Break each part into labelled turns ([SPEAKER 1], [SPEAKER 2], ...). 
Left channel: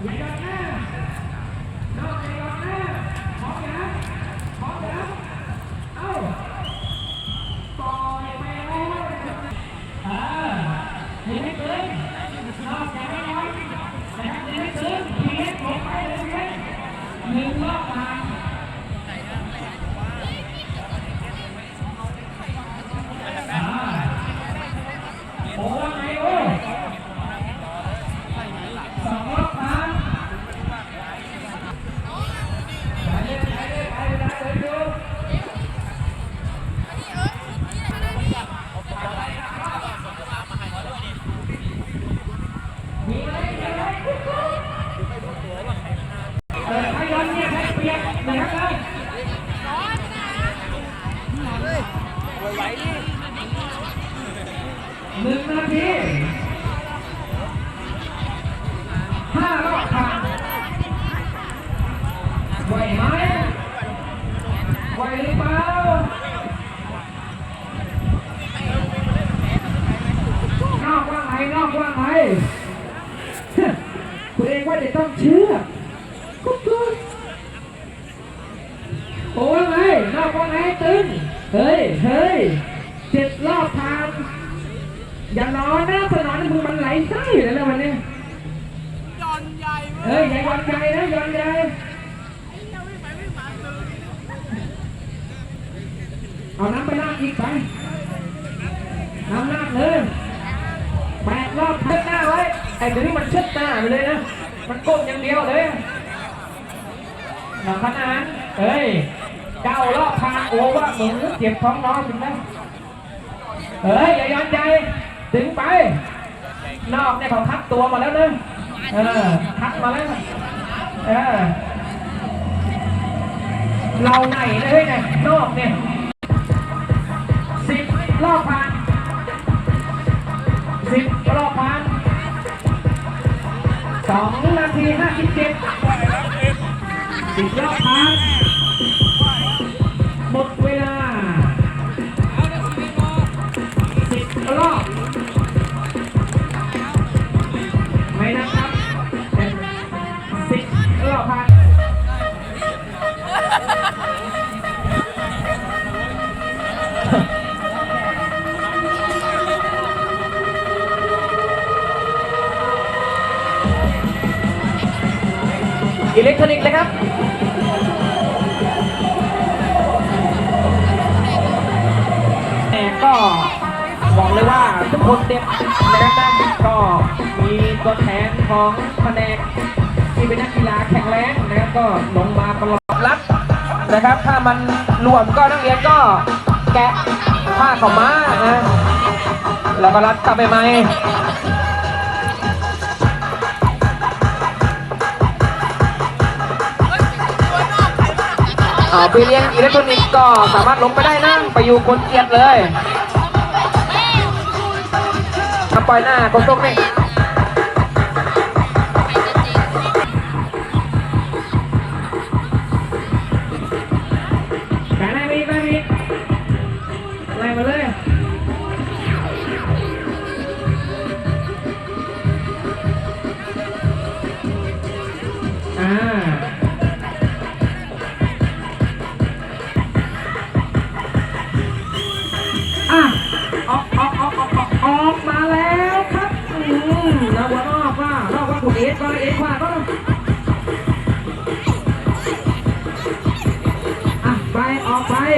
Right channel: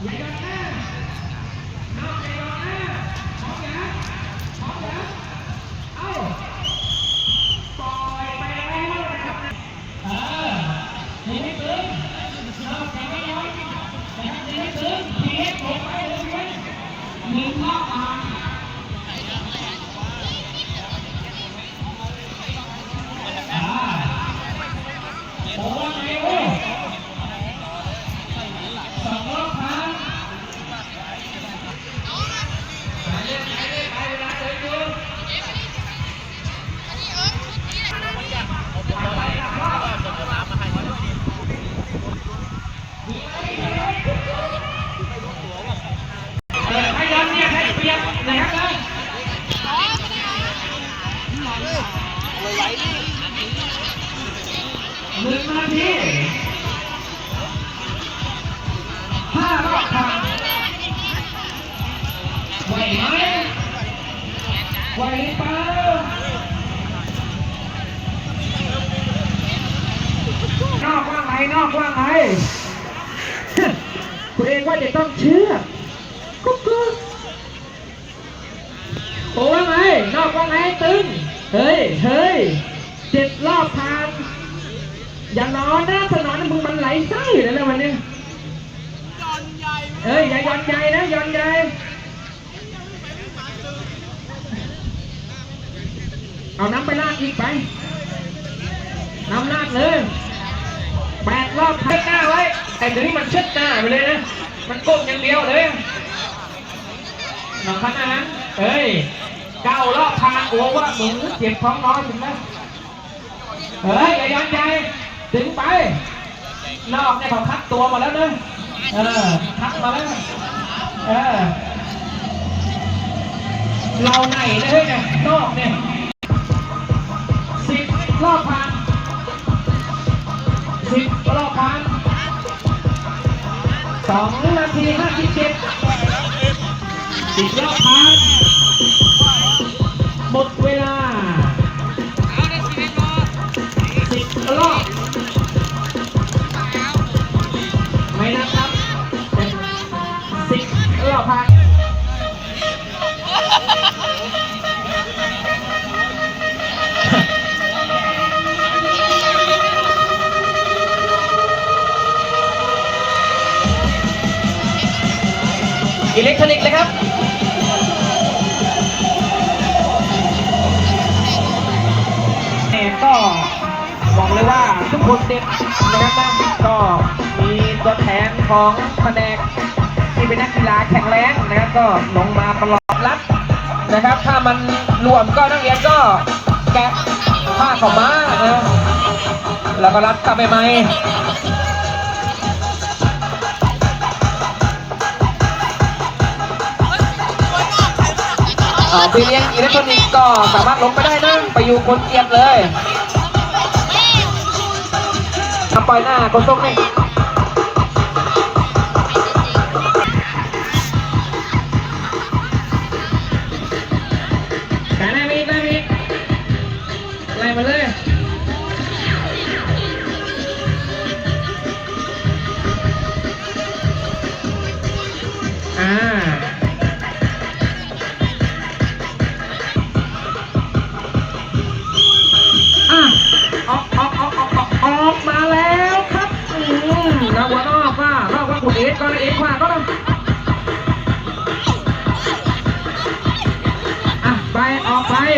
[SPEAKER 1] ผ ห้ารอบพันไหวไหมไหวหรือเปล่านอกว่าไงนอกว่าไง คุณเองว่าจะต้องเชื่อกุ๊กกุ๊กโอ้ว่าไงนอกว่าไงตึง เฮ้ย เฮ้ยเจ็ดรอบผ่าน อย่างน้อยนะถนนมึงมันไหลไส้เลยนะวันนี้เฮ้ยอย่ายอนใจนะยอนใจเอาน้ำไปลากอีกไปน้ำลากเลยแปดรอบเชิดหน้าไว้แต่เดี๋ยวนี้มันเชิดหน้าไปเลยนะมันโก้งอย่างเดียวเลยเอาขนาดนั้นเฮ้ยเก้ารอบผ่านโอ้ว่าหมึงเจ็บท้องน้อยถึงนะเฮ้ยอย่ายอนใจถึงไปนอกเนี่ยเขาทักตัวมาแล้วเนอะ เออทักมาแล้วเออเราไหนนะเลยเนี่ยนอกเนี่ยสิบรอบพันสิบรอบพันสองนาทีห้าสิบเจ็ดสิบรอบพัน อิเล็กทรอนิกส์เลยครับแต่ก็บอกเลยว่าทุกคนเด็ดนะครับนะก็มีตัวแทนของแผนกที่เป็นนักกีฬาแข็งแรงนะครับก็ลงมาตลอดรับนะครับ ถ้ามันรวมก็นักเรียนก็แกะผ้าของม้านะแล้วก็รัดกลับไปไหม อ่าไปเรียนอิเล็กทรอนิกส์ก็สามารถลงไปได้นะไปอยู่คนเกียดเลยมาปล่อยหน้าตรงนี่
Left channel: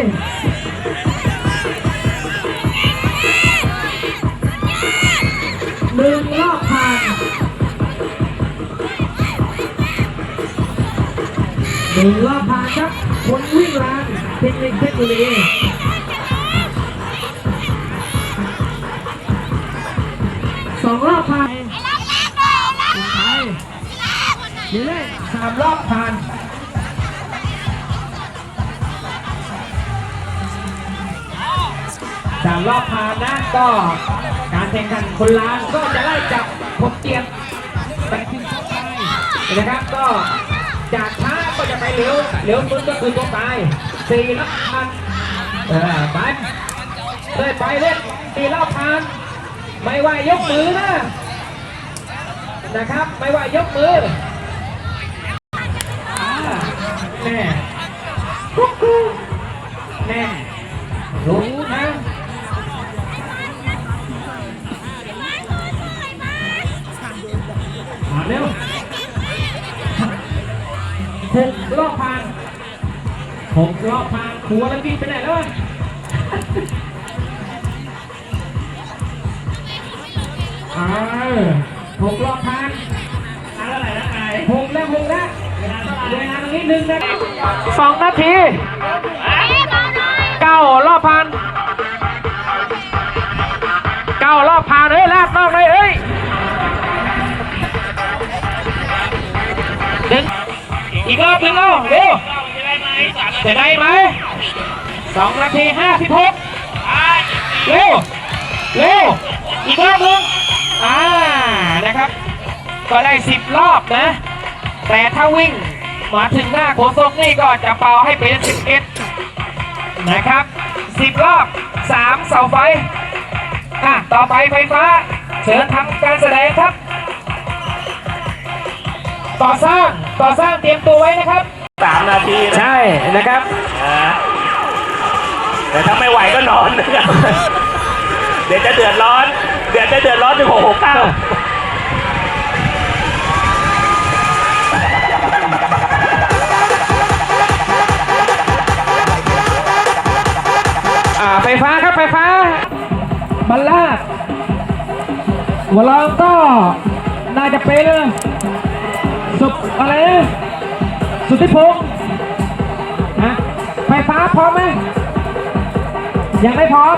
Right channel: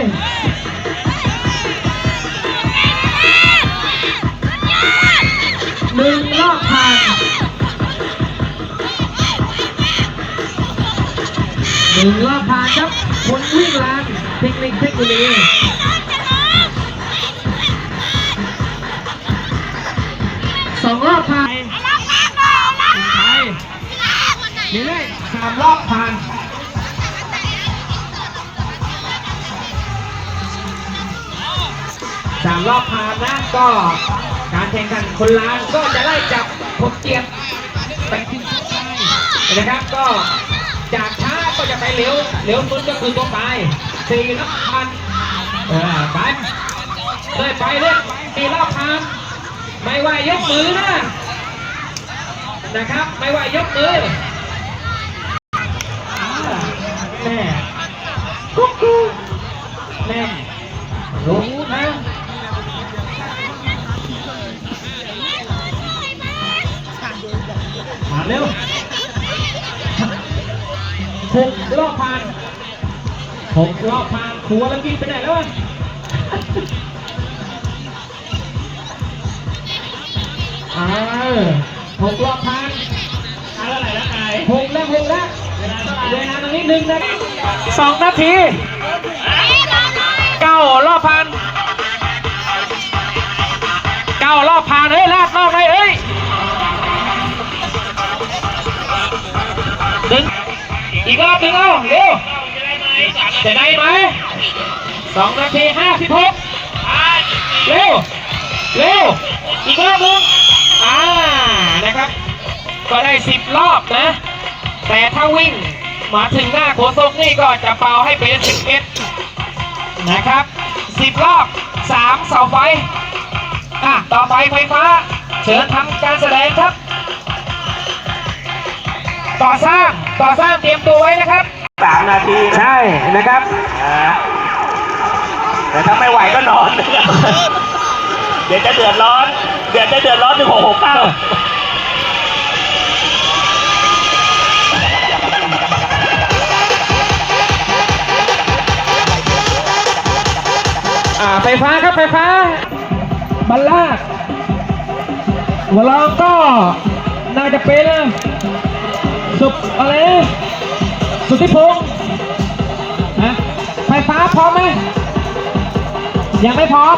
[SPEAKER 1] หนึ่งรอบผ่านหนึ่งรอบผ่านครับ คนวิ่งลานเทคนิคเทคโนโลยีสองรอบผ่านเรื่อยๆสามรอบผ่าน สามรอบผ่านนะก็การแข่งขันคนล้านก็จะไล่จับพกเกียบไปที่ต่อไปนะครับก็จากช้าก็จะไปเร็วเร็วสุดก็คือตัวตายสี่รอบผ่านเออไปเลยไปเลยสี่รอบผ่านไม่ว่ายกมือนะนะครับ ไม่ว่ายกมือ นี้หนึ่งนาทีสองนาทีเก้ารอบผ่านเก้ารอบผ่านเฮ้ยลาดรอบเลยเอ้ยหนึ่งอีกรอบหนึ่งเอาเร็วจะได้ไหมสองนาทีห้าสิบหกเร็วเร็วอีกรอบหนึ่งอ่านะครับ ก็ได้สิบรอบนะ แต่ถ้าวิ่ง มาถึงหน้าโขนทรงนี่ก็จะเป่าให้เป็นสิบเอ็ดนะครับสิบรอบสามเสาไฟอะต่อไปไฟฟ้า เชิญทำการแสดงครับ ต่อสร้างต่อสร้างเตรียมตัวไว้นะครับ
[SPEAKER 2] สามนาทีนะ
[SPEAKER 1] ใช่นะครับ
[SPEAKER 2] อ่าแต่ถ้าไม่ไหวก็นอนนะครับ เดี๋ยวจะเดือดร้อน เดี๋ยวจะเดือดร้อนถึงหกหกเก้า
[SPEAKER 1] ไฟฟ้าครับไฟฟ้าบัลลาดหัวเราก็น่าจะเป๊ะเลยสุดอะไรนะสุดที่พงษ์ฮะไฟฟ้าพร้อมไหมยังไม่พร้อม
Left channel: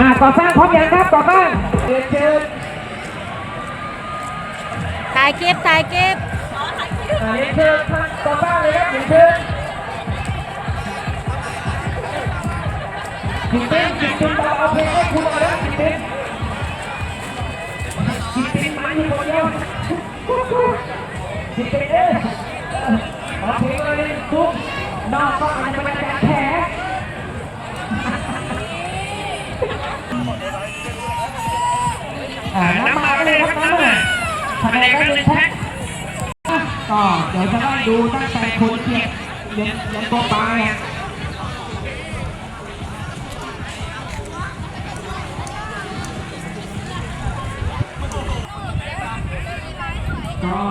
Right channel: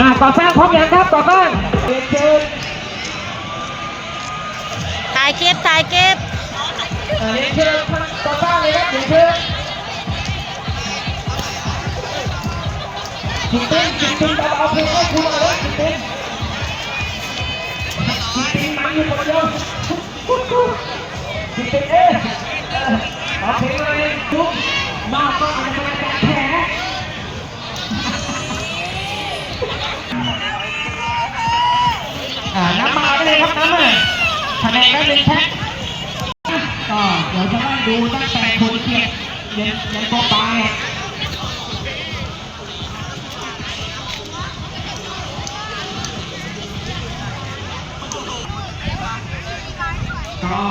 [SPEAKER 1] อ่าก่อสร้างพร้อมยังครับก่อสร้างเชิญเชิญ
[SPEAKER 3] ถ่ายคลิปถ่ายคลิป
[SPEAKER 1] อ่าเรียนเชิญก่อสร้างเลยครับเรียนเชิ จิตต้นจิตเต้นเบาๆเพลงให้ครูหน่อยจิตต้นจริงๆมันอยู่คนเดียวจริงๆเอ๊ะเอาเพลงอะไรปุ๊บมาก็มันจะไปแตะแผลน้ำมาได้เลยครับน้ำมาคะแนนได้หนึ่งแพ็คก็เดี๋ยวจะได้ดูตั้งแต่ผลเกียรติเรียนยันตัวปา ก็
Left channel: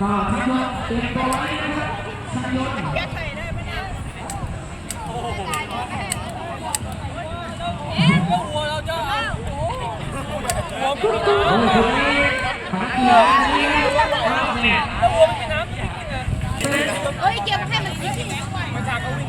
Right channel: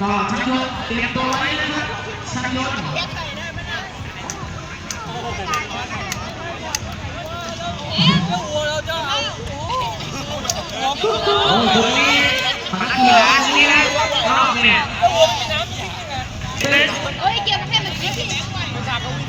[SPEAKER 1] ก็ชัยยนต์เตรียมตัวไว้นะครับชัยยนโอ้โหนักกีฬาเนี่ยรอบเนี่ย
[SPEAKER 3] เอ้ยเกียวกับให้มัน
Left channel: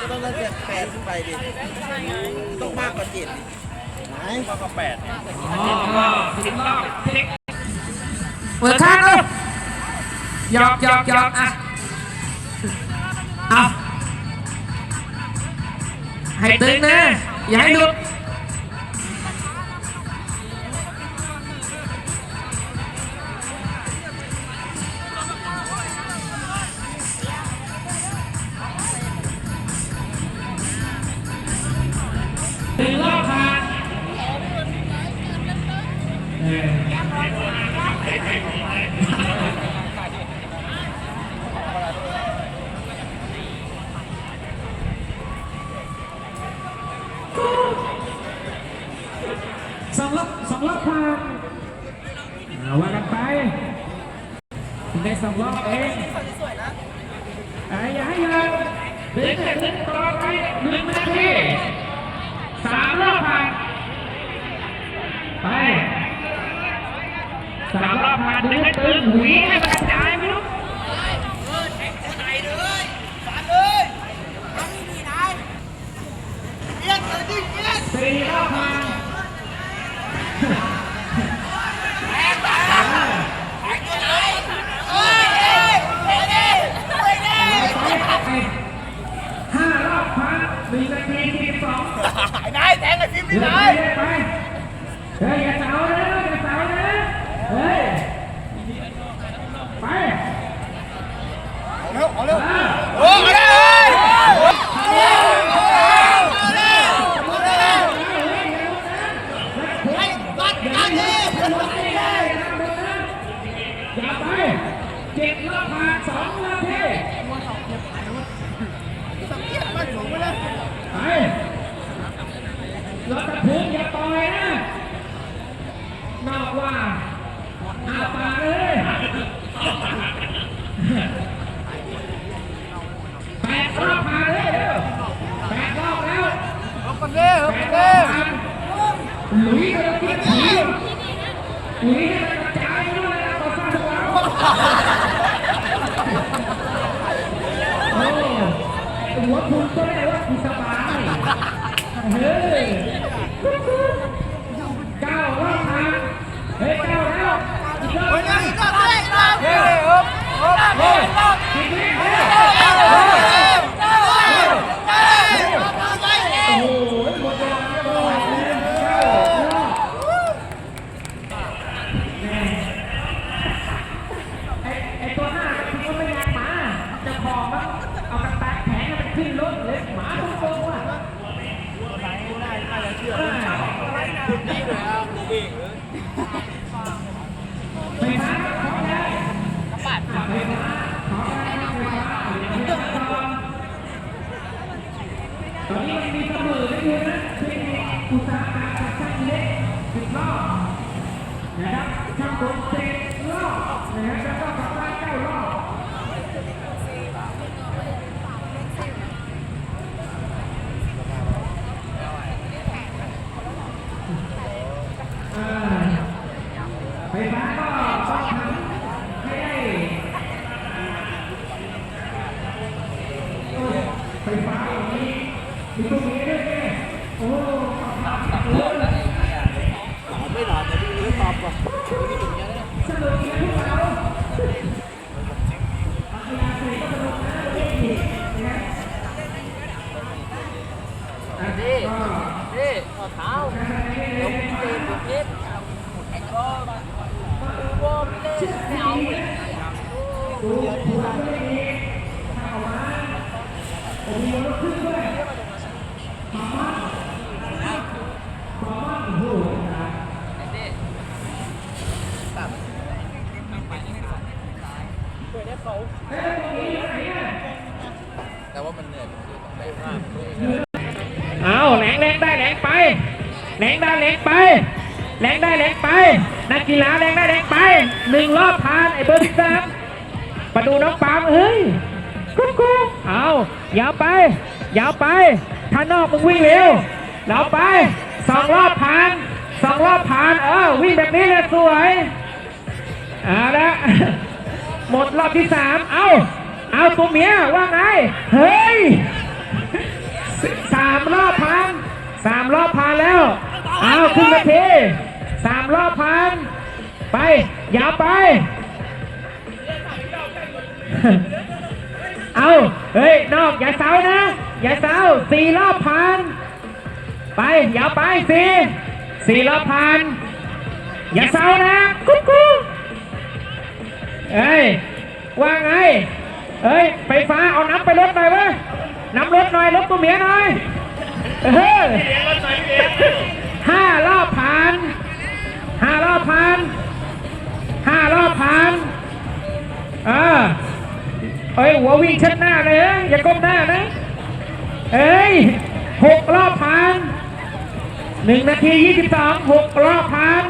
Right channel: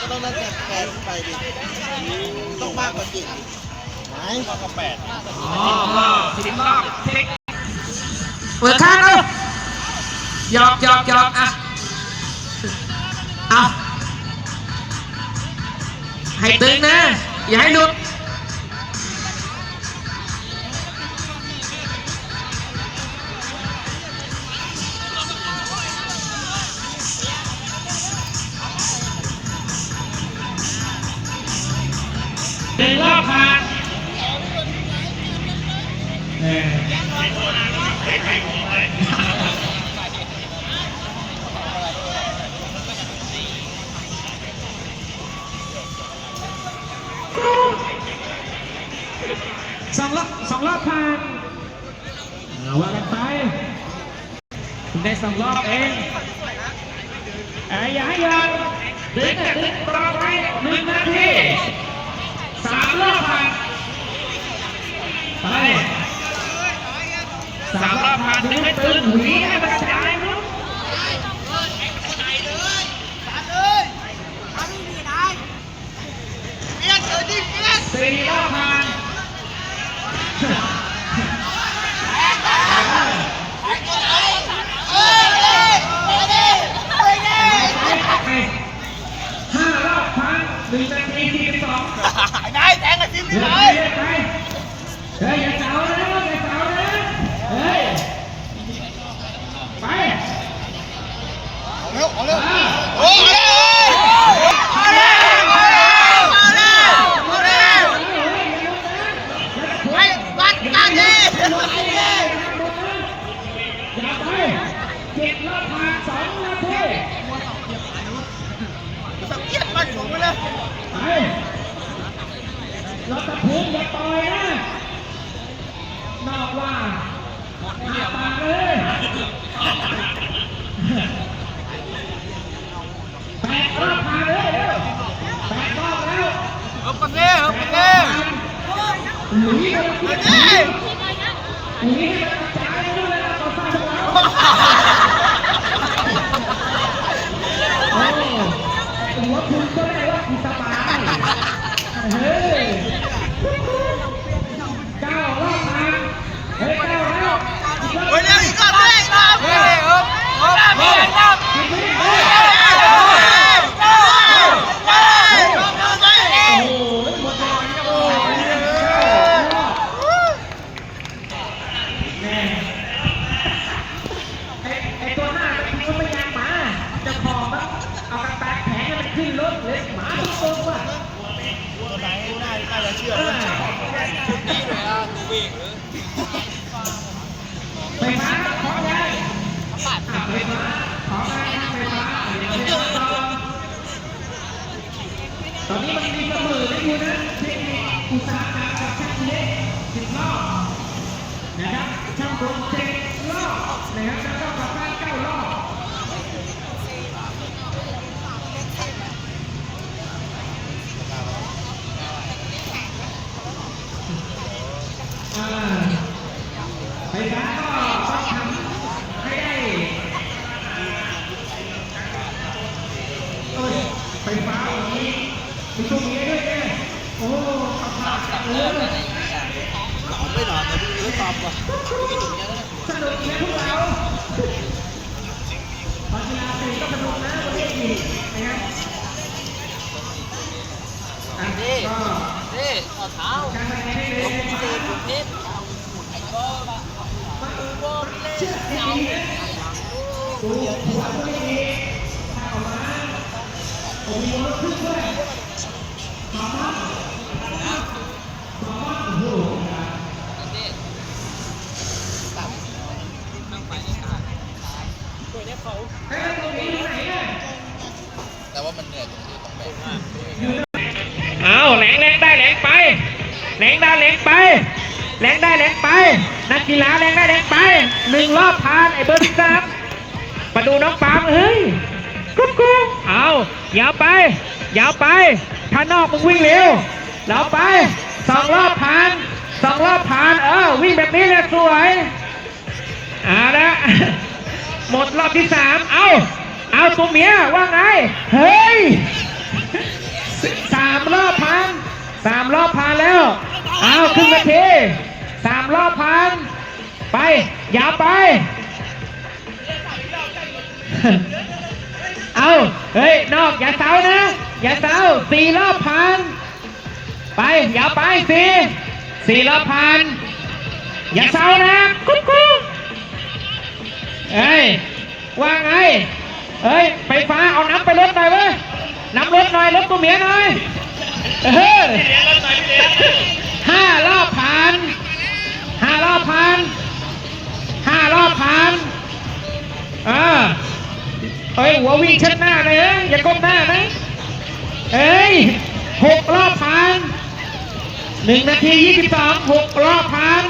[SPEAKER 4] ก็ต้องเล่นแปดขึ้นไปดิต้องมากกว่าเจ็ดไหม
[SPEAKER 2] ก็แปด
[SPEAKER 1] อ๋อก็สิบรอบเทคเปิดข้างเลยหยอกหยอกหยอกอะเอาให้ตึงนะอย่าให้หลุด หนึ่งรอบมาเออสองรอบสองรอบผ่านว่ากันไปคุณได้สองรอบเองอ้ยอย่าให้ยอมเดินแต่เดินต่อไปหนึ่งนาที สามรอบผ่านไปสามรอบผ่านดึงให้ตึงหุยให้มันกระจายไม่รู้สี่รอบผ่านห้ารอบผ่านหนึ่งนาทีสี่สิบสอง
[SPEAKER 4] นายแทงไอ้ฟิล์ม
[SPEAKER 1] เฮ้ย
[SPEAKER 4] เลย
[SPEAKER 1] เฮ้ยอย่าเสานะอย่าเสานะ อย่าไปเจ็ดรอบผ่านสองนาที
[SPEAKER 4] สังเกตมาสูงเลย
[SPEAKER 1] ไปรถตะพุงอย่าปล่อยนะนอกว่าหน้าตาเลยแปดรอบผ่านเลยเร็วแปดรอบแล้ว
[SPEAKER 4] เอาไปเลยเอาไปเลย
[SPEAKER 1] หลุยส์ก็มากินหลุยส์ก็กระจายอยู่เลยนะคนสร้างจังหวะโอ้ หัวคุณก็ได้ว่าคุณสบายเฮ้ยเก้ารอบผ่านเฮ้ยเก้าแล้ว
[SPEAKER 4] เฮ้ยนี่ก็ได้ครับเฮ้ยเฮ้ยเฮ้ยเฮ้ย
[SPEAKER 1] ไอ้ตัวหน้ามันก็ไม่อยากมาจะพอแล้วเอากระแตกแผงมันขึ้นรถเลยหมาตรงๆอะ ตอนนี้มันมีเสมอได้อยู่นะเทคนิคอุตสาห เอาแห
[SPEAKER 4] ลง
[SPEAKER 1] แรงได้แหลงไปแหลงได้แหลงไปแหลงได้แหลงไป นักกีฬาแหลงได้แหลงไปหนึ่งรอบผ่านไอ้เบอร์ที่สามมาดูน้องปามเฮ้ยกุ๊กกุ๊กเอายาวไปยาวไปถ้านอกมึงวิ่งเร็วเราไปสองรอบผ่านสองรอบผ่านเออวิ่งแบบนี้เลยสวยเอาละหมดรอบที่สามเอา เอาตัวเมียว่าไง เฮ้ยสามรอบพันสามรอบพันแล้ว เอาครึ่งนาทีสามรอบพันไป อย่าไป เอาเฮ้ย นอก อย่าเสานะ อย่าเสาสี่รอบพันไป อย่าไปสี่สี่รอบพันอย่าเสานะกุ๊กกุ๊กเอ้ย ว่าไง เฮ้ยไฟฟ้าเอาน้ำไปรถหน่อยเว้ยน้ำรถหน่อยรถตัวเมียหน่อยเออห้ารอบผ่านห้ารอบผ่านห้ารอบผ่านเออเอ้ยหัววิ่งเชิดหน้าเลยอยอย่าก้มหน้านะเอ้ยหกรอบผ่านหนึ่งนาทียี่สิบสองหกรอบผ่าน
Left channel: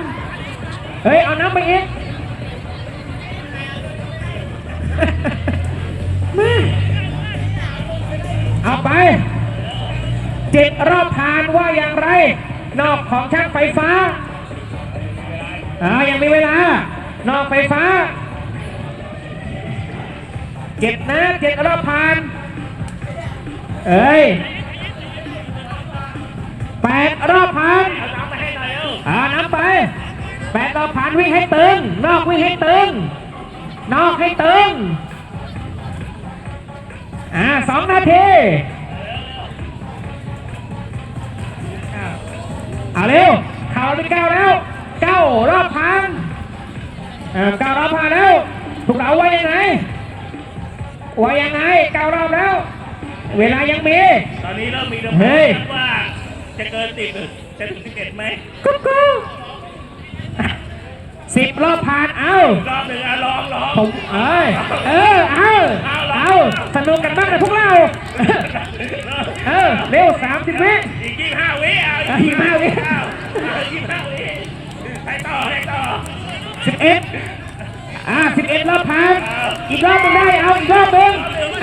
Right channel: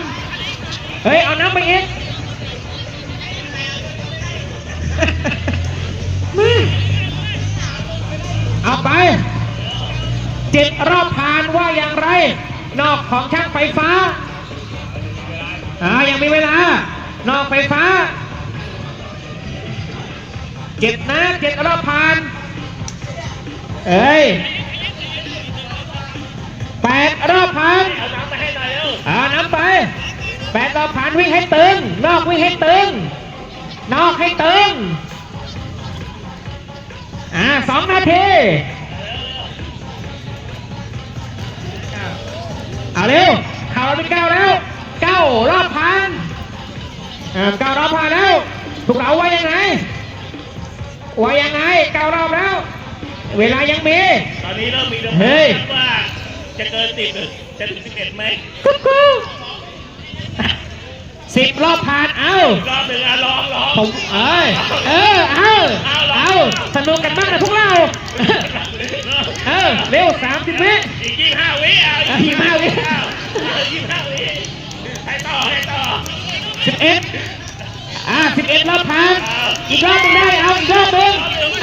[SPEAKER 1] เฮ้ยเอาน้ำไปอีก เอาไป เจ็ดรอบผ่านว่าอย่างไร นอกของช่างไฟฟ้าอ่ายังมีเวลา นอกไฟฟ้า เจ็ดนะเจ็ดรอบผ่าน เอ้ยแปดรอบผ่านอ่าน้ำไปแปดรอบผ่านวิ่งให้ตึง นอกวิ่งให้ตึง นอกให้ตึง อ่าสองนาทีเอาเร็วเข่าเป็นเก้าแล้วเก้ารอบพันเออเก้ารอบพันแล้วถูกเราไว้ยังไงโว่ายังไงเก้ารอบแล้ว เวลายังมี
[SPEAKER 2] ตอนนี้เริ่มมี
[SPEAKER 1] เฮ้ย
[SPEAKER 2] ว่าจะเกินสิบหรือจะถึงสิบเอ็ดไหม
[SPEAKER 1] กุ๊กกุ๊กสิบรอบผ่าน เอา
[SPEAKER 2] รอบหนึ่งอะลองลอง
[SPEAKER 1] ผมเอ้ยเออเอา เอาสนุกกันบ้างนะพวกเรา เออเร็วสามสิบวิ
[SPEAKER 2] อีกยี่ห้าวิอะ
[SPEAKER 1] เอายี่สิบห้าวิ
[SPEAKER 2] อ้าวยี่ห้าวิให้ต่อให้ต่อ
[SPEAKER 1] สิบเอ็ดอ่าสิบเอ็ดรอบผ่านอีกรอบหนึงได้เอาอีกรอบหนึง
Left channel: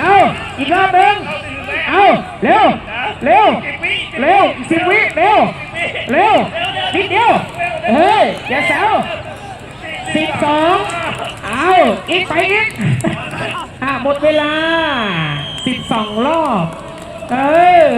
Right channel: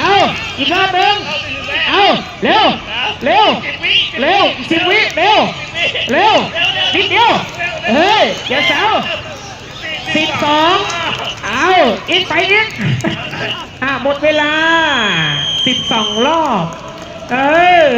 [SPEAKER 1] เอาอีกรอบหนึงเอาเร็วเร็วเร็วอีกสิบวิเร็วเร็วนิดเดียวเฮ้ยอย่าเสาสิบสองเอาอีกไปอีก อะหมดเวลาสิบสองรอบ เออ